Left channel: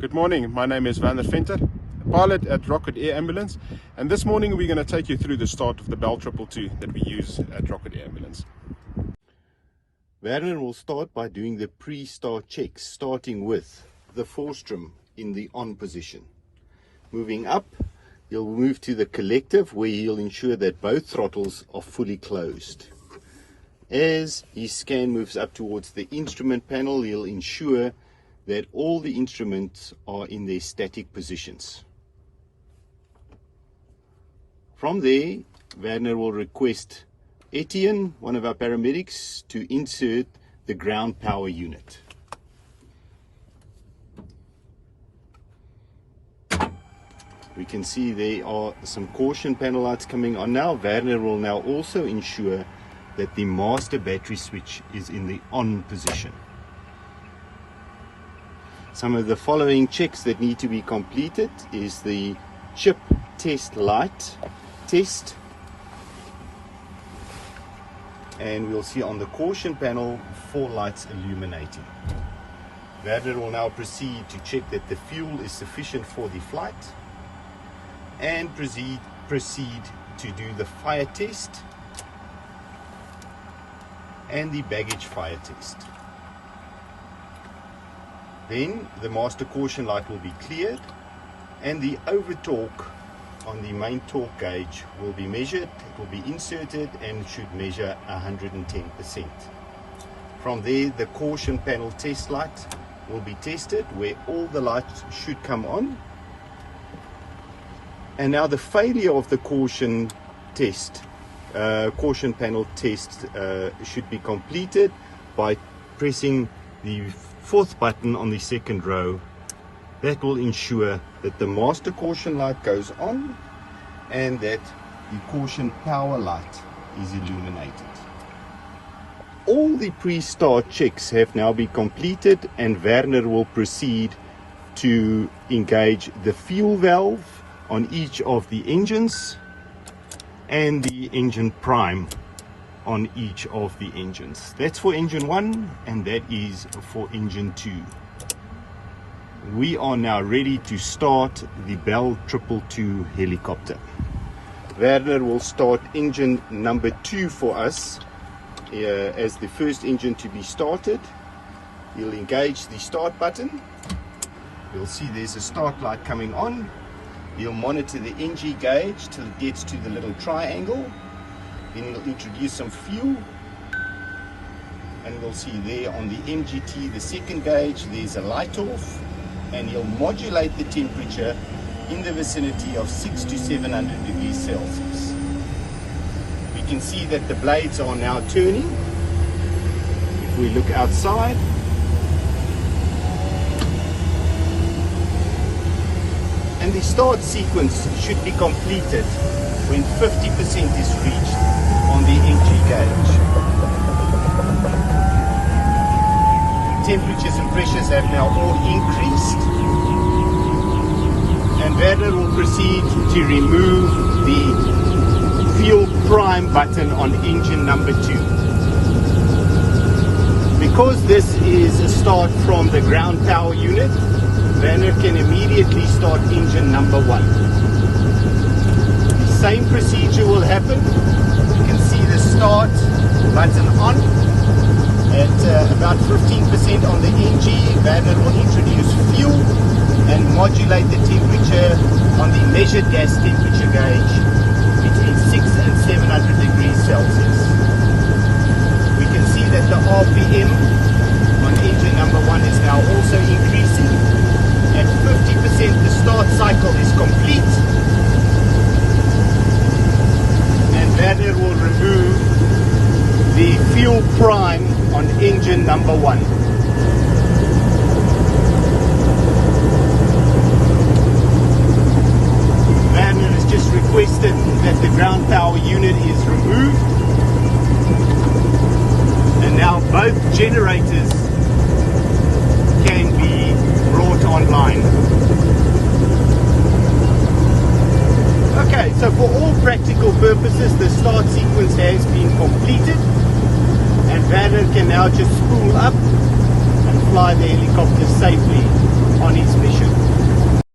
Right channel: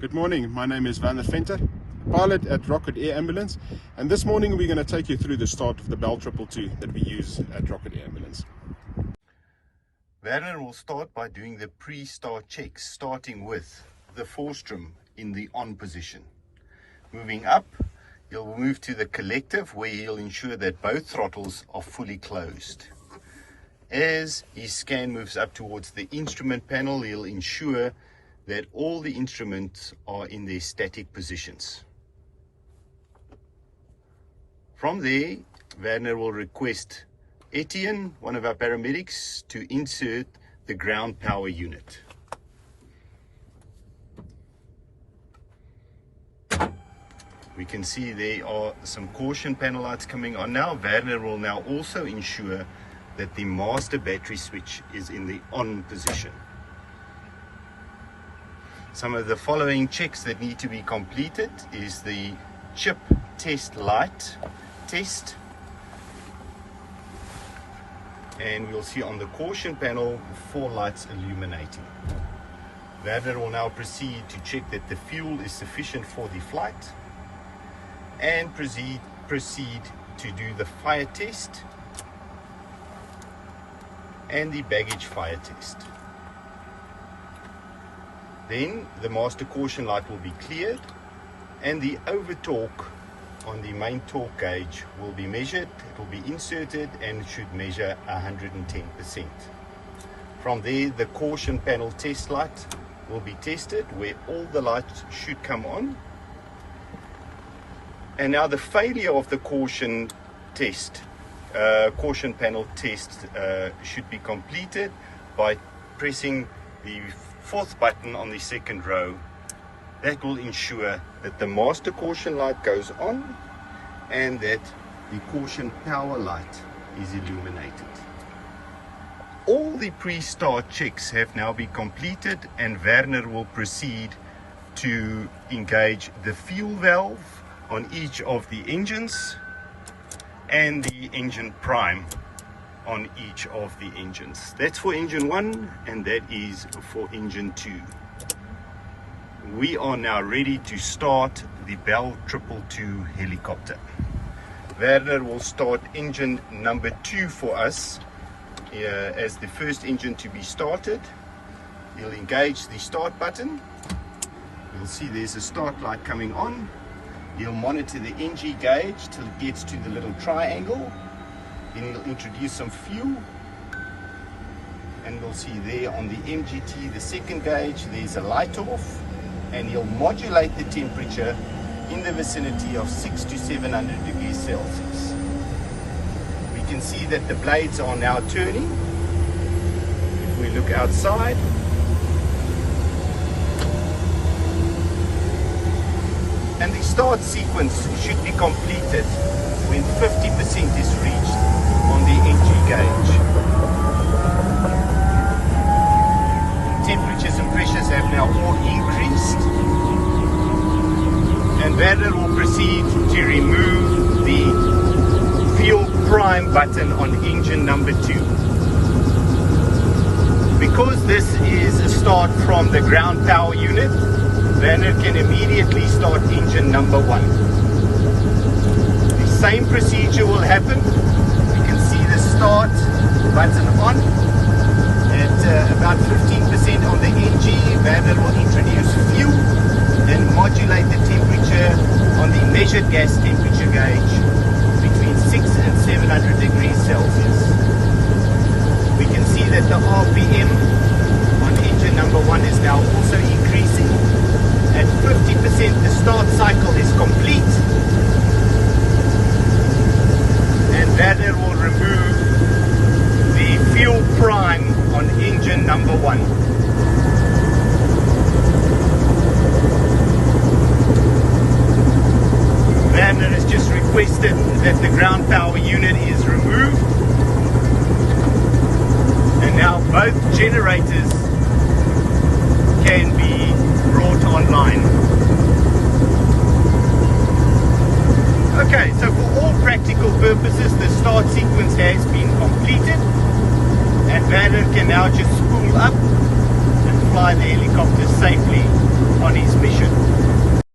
Good morning, my name is Werner Venter, pilot at Rocket Air Ambulance, and this morning we're going to take you through the start of the Bell 222 that we use at Rocket Air Ambulance. Werner will start by doing the pre-start checks, starting with the strum in the on position. Moving up, he'll move to the collective where he'll ensure that both throttles are fully closed. As his scan moves up towards the instrument panel, he'll ensure that all the instruments are in their static positions. From there, Werner will request Etienne, one of our paramedics, to insert the ground power unit. We can see there are some caution panel lights coming on now. Werner will now also ensure that the master battery switch is in the on position. Some of the following checks that need to be completed is the chip test light test, and we'll see on the caution panel 4 lights illuminating. Werner will now proceed to check that the fuel is sufficient for the flight and proceed to do the fire test and the baggage fire test. Then the master caution light will be cleared and the over torque on the main torque gauge will be measured. It will be inserted and it should measure 110%. From there, the caution panel test light will be tested where all the lights should come on. And now the failure of the caution panel test should be completed by pressing the 4th button on the second row. That will ensure that the master caution light goes on and that the caution power light is illuminated. All the pre-start checks have now been completed, and Werner will proceed to engage the fuel valve on each of the engines and the engine prime on each of the engines. That's for engine 1 and that is for engine 2. We are now ready to start the Bell 222 helicopter. Werner will start engine number 2 for us as the first engine to be started. We'll engage the start button. You'll see there's a start light coming on. You'll monitor the NG gauge till it gets to the little triangle. Then he'll introduce some fuel, and we'll see there on the MGT, the second gauge, there's a light off, and he'll modulate the temperature in the vicinity of 600 to 700 degrees Celsius. We can see that the blades are now turning. If we look outside, and the start sequence should be completed when 50% is reached on the NG gauge. Temperatures and pressures have now all increased, and Werner will proceed to remove the fuel prime button on engine number 2. Because this is a start from the ground power unit, Werner can immediately start engine number 1. Same procedure will happen. You can see the start button on at about 15% on the NG. Werner will introduce fuel and modulate the temperature on the measured gas temperature gauge between 600 and 700 degrees Celsius. We can see that the RPM on engine number 1 is now also increasing.